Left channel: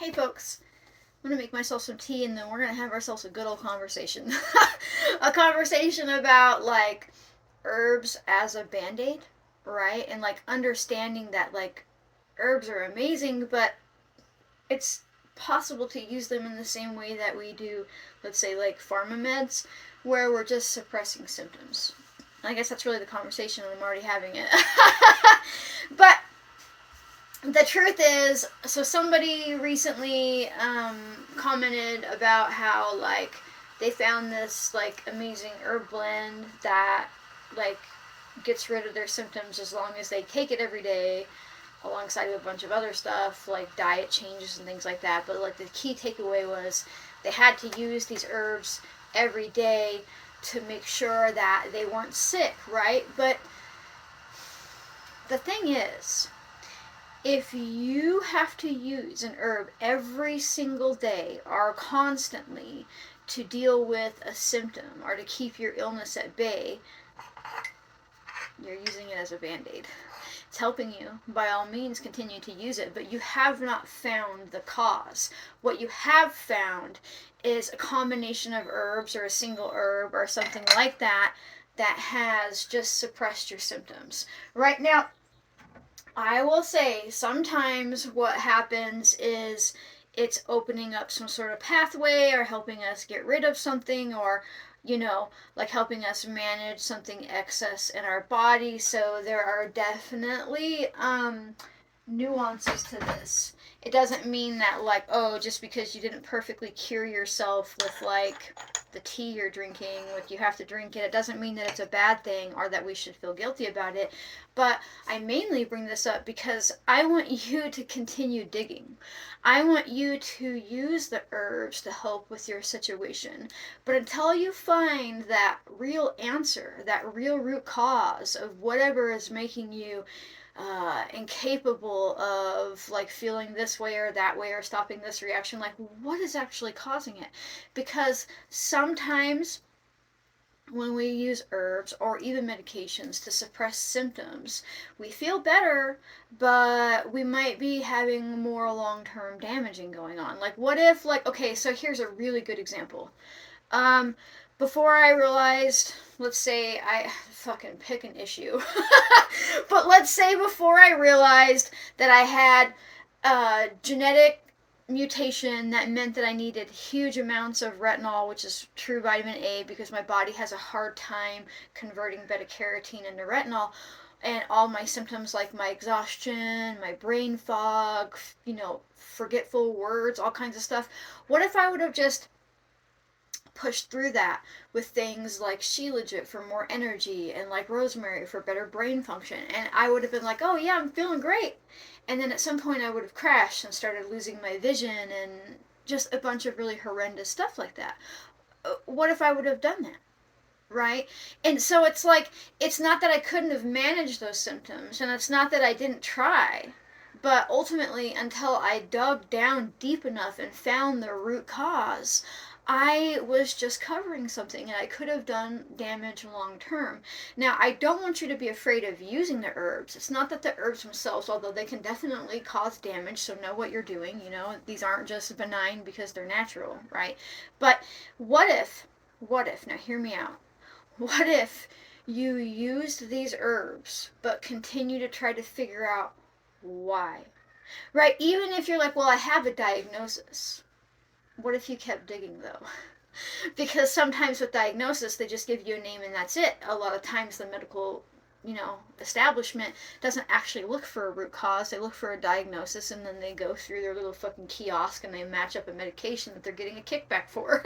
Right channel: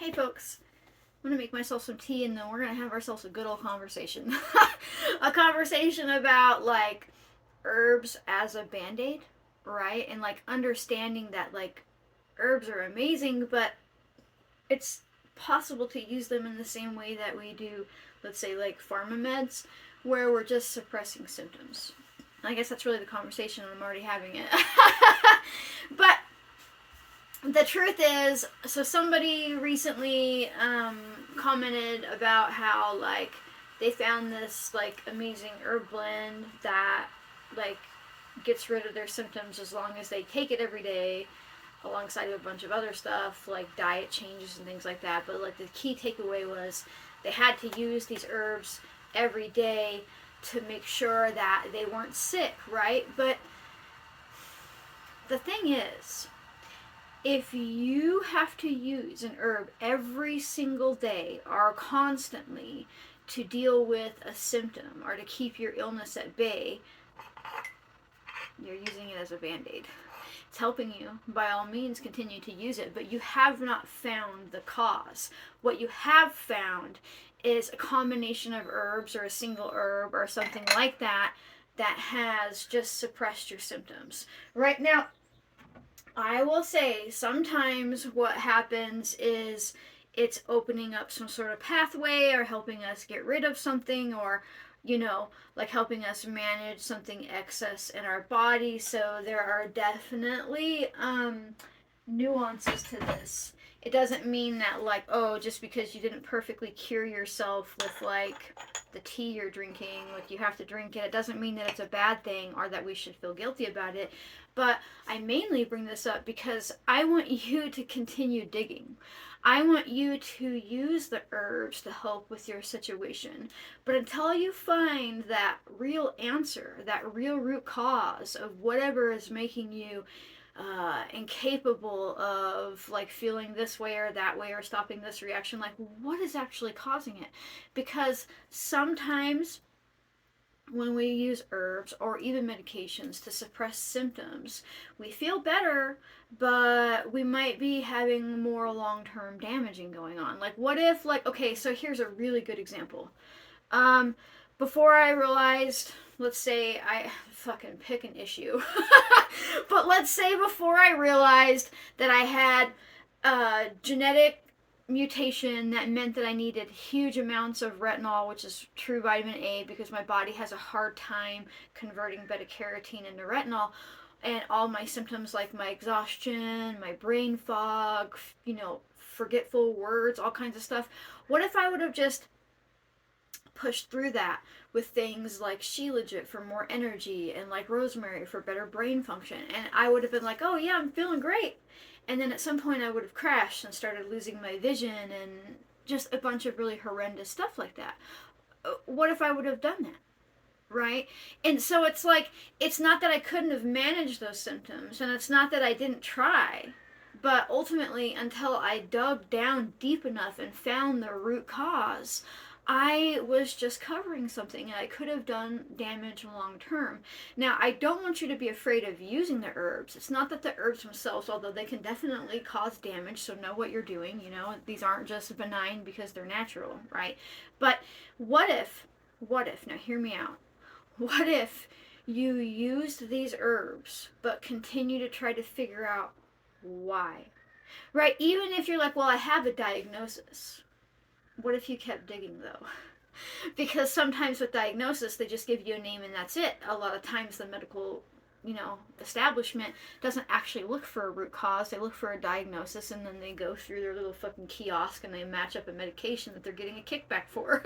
Hey folks, I'm gonna make myself some tea and then we're gonna have ourselves a good old conversation. A conversation about like herbs as a band-aid, right? And like understanding that like herbs are amazing, but it's possible to use them in the same way that we do, let's say, like pharma meds, where we're just suppressing symptoms. I guess that's really the conversation, and I'm already having it. But the truth is, so somebody recently commented about how like they found this like amazing herb blend that like gets rid of their symptoms as long as they take it every day, alongside with a bunch of other stuff like diet changes and things like that. But like the key takeaway was they had to use these herbs every day to make sure that they weren't sick, right? But the thing is, if you have to use an herb every single day or constantly to deal with a symptom or to keep your illness at bay, you're using it as a band-aid. It's helping you. By all means, continue to use it, but you have not found the cause. What you have found is a combination of herbs or a single herb or something like that that has just suppressed your symptoms. Right now, I will say sometimes what happens is it's opening up some sort of pathway or helping us get rid of something, or like helping us manage something excess in our body. So there are definitely nuances to this. It doesn't mean that like, oh, just because you didn't perfectly cure yourself with like the tea you're drinking, like you have to drink it. It doesn't mean that it's a bad thing or that we should feel guilty about it. But I mainly bring this up because I want you to continue digging. I want you to use the herbs to help with your situation. But until you find that real answer, that real root cause of whatever is making you incapable of like feeling this way or that way or stopping this reaction, like what is actually causing it? Because sometimes when we use herbs or even medications to suppress symptoms, we feel better, but we might be having more long-term damaging going on. Like what if, like, okay, so here's a really good example. um Before I realized, let's say I fucking pick an issue. But let's say before I realized that I had a genetic mutation that meant that I needed huge amounts of retinol, which is true vitamin A, because my body has a hard time converting beta carotene into retinol. And all my symptoms, like my exhaustion, my brain fog, forgetful words, all kinds of stuff. What if I would have just pushed through that with things like Shilajit for more energy and like rosemary for better brain function? And I would have been like, oh yeah, I'm feeling great. And then at some point I would have crashed and started losing my vision and just a bunch of really horrendous stuff like that. What if I would have done that? Right? And so it's like, it's not that I couldn't have managed those symptoms, and it's not that I didn't try, but ultimately, until I dug down deep enough and found the root cause, I was just covering something and I could have done damage long term. Now, I don't want you to be afraid of using the herbs. It's not that the herbs themselves, although they can definitely cause damage, so know what you're doing. These aren't just benign because they're natural, right? But what if, now hear me out, what if you used these herbs but continue to try to figure out why? Right? Even if you're like, well, I have a diagnosis. What if you kept digging though? Because sometimes with diagnosis, they just give you a name and that's it. A lot of times the medical establishment doesn't actually look for a root cause. They look for a diagnosis, and then they go through their little fucking kiosk and they match up a medication that they're getting a kickback for.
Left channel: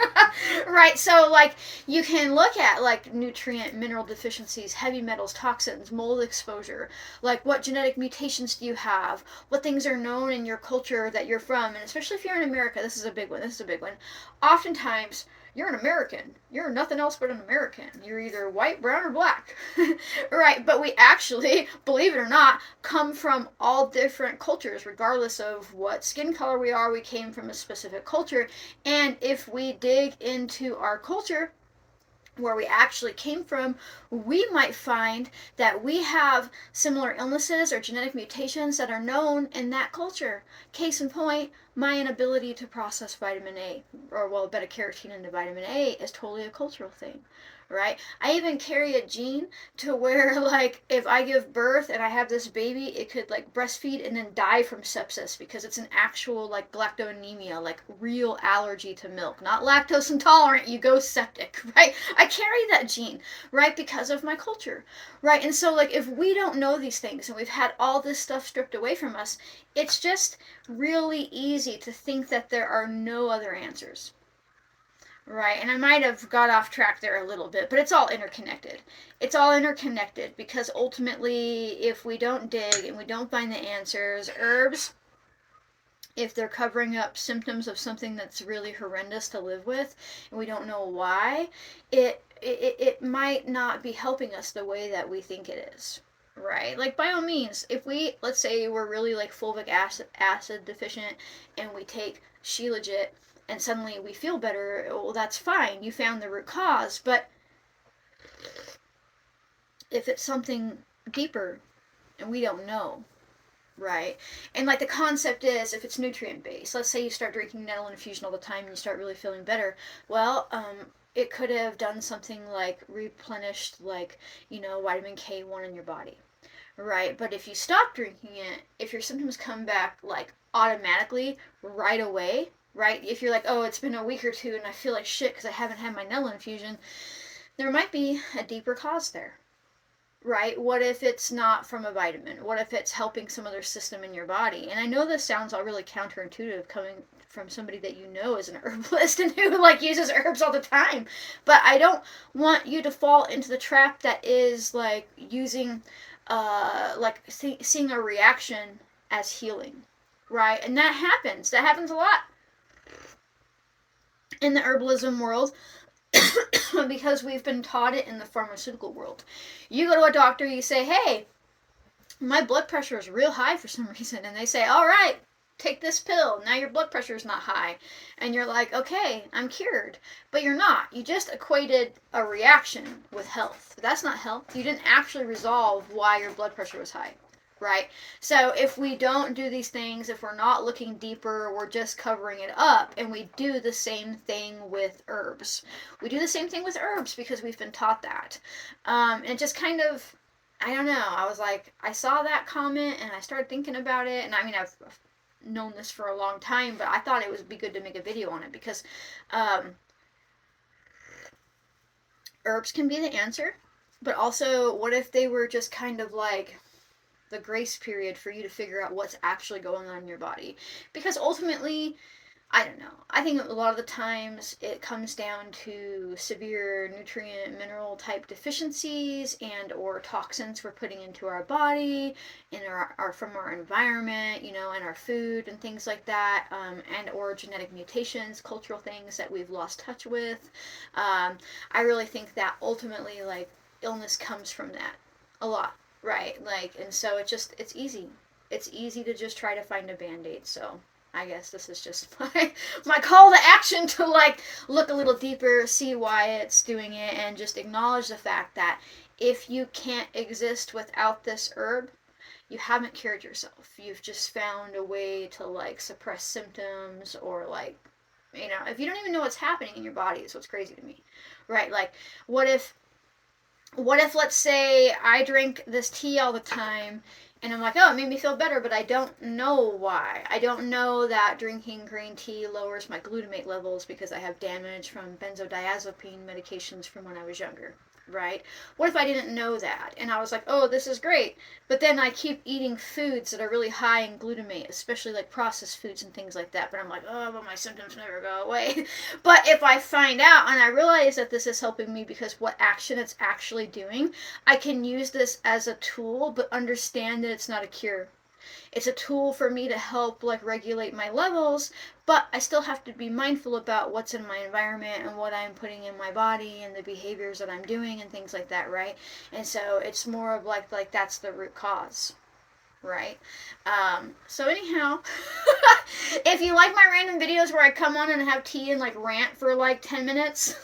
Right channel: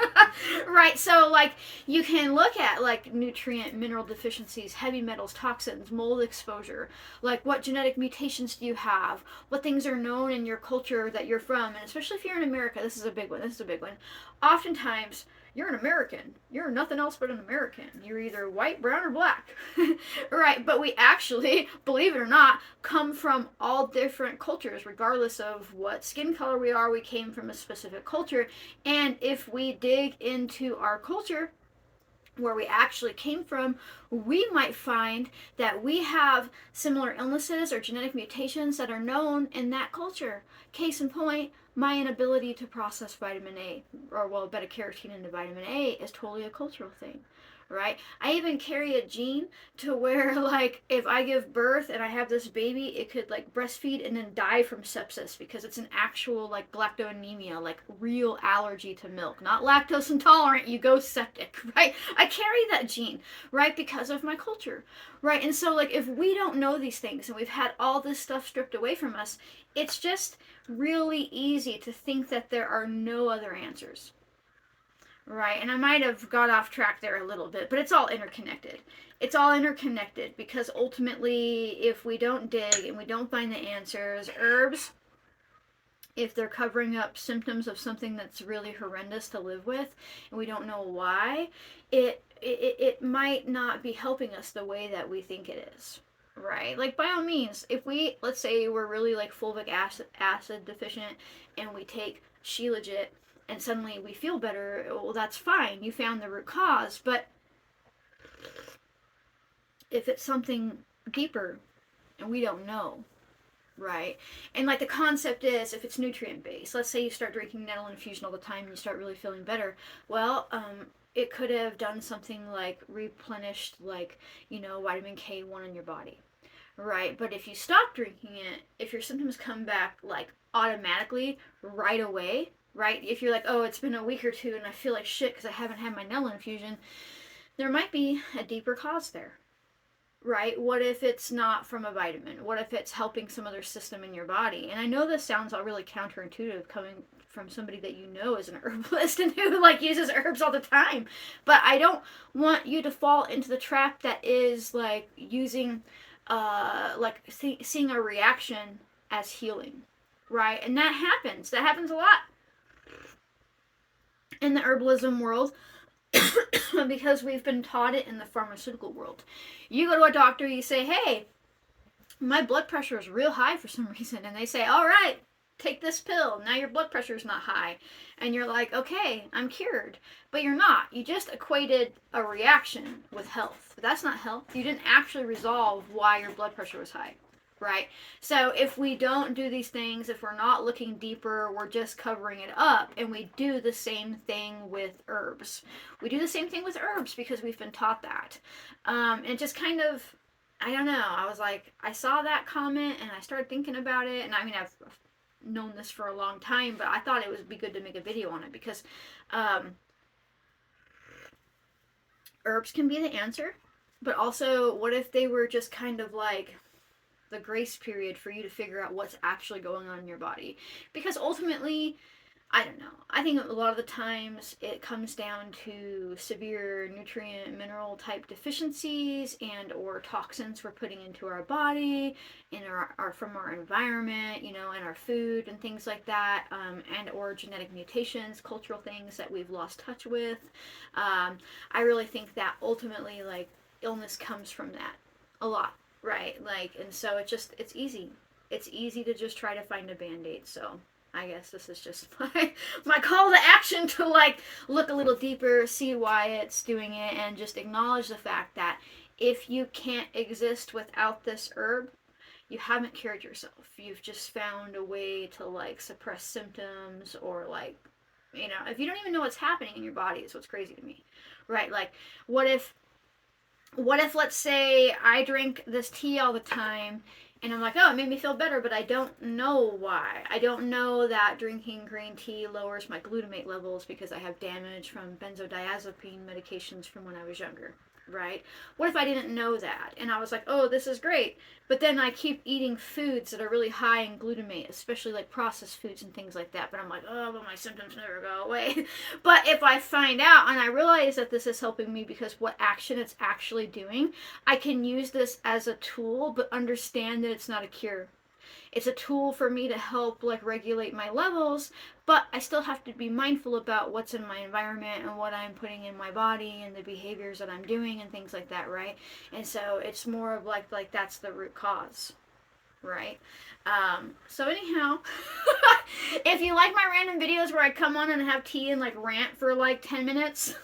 Right? So like, you can look at like nutrient mineral deficiencies, heavy metals, toxins, mold exposure, like what genetic mutations do you have, what things are known in your culture that you're from. And especially if you're in America, this is a big one. Oftentimes you're an American. You're nothing else but an American. You're either white, brown, or black. Right? But we actually, believe it or not, come from all different cultures, regardless of what skin color we are. We came from a specific culture. And if we dig into our culture, where we actually came from, we might find that we have similar illnesses or genetic mutations that are known in that culture. Case in point, my inability to process vitamin A, or well, beta carotene into vitamin A, is totally a cultural thing. Right? I even carry a gene to where, like, if I give birth and I have this baby, it could, like, breastfeed and then die from sepsis because it's an actual, like, galactoanemia, like, real allergy to milk. Not lactose intolerant, you go septic, right? I carry that gene, right? Because of my culture, right? And so, like, if we don't know these things and we've had all this stuff stripped away from us, it's just really easy to think that there are no other answers. Right, and I might have got off track there a little bit, but it's all interconnected. It's all interconnected because ultimately, if we don't dig and we don't find the answers, herbs, if they're covering up symptoms of something that's really horrendous to live with, and we don't know why, it might not be helping us the way that we think it is. Right, like by all means, if we, let's say we're really like fulvic acid deficient and we take Shilajit and suddenly we feel better, well, that's fine. You found the root cause. But if it's something deeper and we don't know, right? And like the concept is, if it's nutrient based, let's say you start drinking nettle infusion all the time and you start really feeling better. Well, it could have done something like replenished, like, vitamin K1 in your body, right? But if you stop drinking it, if your symptoms come back like automatically right away, right? If you're like, oh, it's been a week or two and I feel like shit because I haven't had my nettle infusion, there might be a deeper cause there, right? What if it's not from a vitamin? What if it's helping some other system in your body? And I know this sounds all really counterintuitive coming from somebody that you know is an herbalist and who like uses herbs all the time, but I don't want you to fall into the trap that is like using seeing a reaction as healing, right? And that happens a lot in the herbalism world because we've been taught it in the pharmaceutical world. You go to a doctor, you say, hey, my blood pressure is real high for some reason, and they say, all right, take this pill, now your blood pressure is not high. And you're like, okay, I'm cured. But you're not. You just equated a reaction with health. That's not health. You didn't actually resolve why your blood pressure was high, right? So if we don't do these things, if we're not looking deeper, we're just covering it up. And we do the same thing with herbs. We do the same thing with herbs because we've been taught that. And it just kind of, I don't know. I was like, I saw that comment and I started thinking about it. And I mean, I've known this for a long time, but I thought it would be good to make a video on it because herbs can be the answer. But also, what if they were just kind of like the grace period for you to figure out what's actually going on in your body? Because ultimately, I don't know. I think a lot of the times it comes down to severe nutrient mineral type deficiencies and or toxins we're putting into our body in our from our environment, and our food and things like that, and or genetic mutations, cultural things that we've lost touch with. I really think that ultimately, like, illness comes from that a lot, right? Like, and so it's easy. It's easy to just try to find a band-aid. So I guess this is just my call to action to like look a little deeper, see why it's doing it, and just acknowledge the fact that if you can't exist without this herb, you haven't cured yourself. You've just found a way to like suppress symptoms or like, if you don't even know what's happening in your body is what's crazy to me, right? Like, what if let's say I drink this tea all the time and I'm like, oh, it made me feel better, but I don't know why. I don't know that drinking green tea lowers my glutamate levels because I have damage from benzodiazepine medications from when I was younger, right? What if I didn't know that? And I was like, oh, this is great. But then I keep eating foods that are really high in glutamate, especially like processed foods and things like that. But I'm like, oh, but my symptoms never go away. But if I find out and I realize that this is helping me because what action it's actually doing, I can use this as a tool, but understand that it's not a cure. It's a tool for me to help like regulate my levels, but I still have to be mindful about what's in my environment and what I'm putting in my body and the behaviors that I'm doing and things like that, right? And so it's more of like that's the root cause, right? So anyhow, if you like my random videos where I come on and have tea and like rant for like 10 minutes,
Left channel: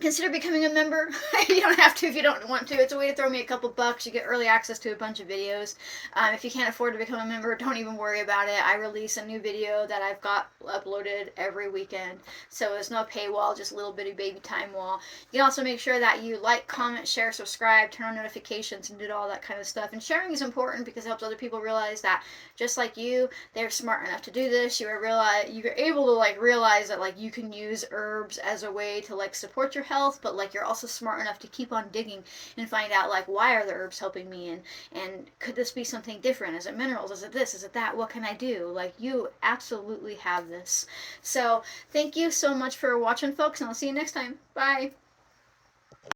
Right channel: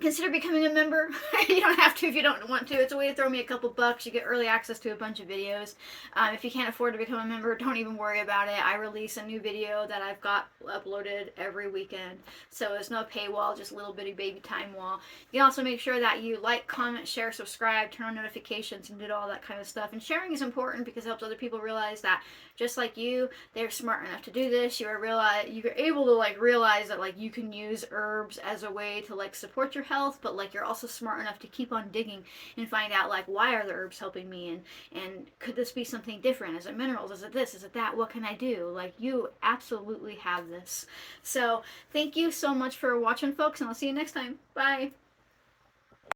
consider becoming a member. You don't have to if you don't want to. It's a way to throw me a couple bucks. You get early access to a bunch of videos. If you can't afford to become a member, don't even worry about it. I release a new video that I've got uploaded every weekend. So it's no paywall, just a little bitty baby time wall. You can also make sure that you like, comment, share, subscribe, turn on notifications, and do all that kind of stuff. And sharing is important because it helps other people realize that just like you, they're smart enough to do this. You're able to like realize that like you can use herbs as a way to like support your health, but like you're also smart enough to keep on digging and find out like why are the herbs helping me, and could this be something different? Is it minerals? Is it this? Is it that? What can I do? Like you absolutely have this. So thank you so much for watching, folks, and I'll see you next time. Bye.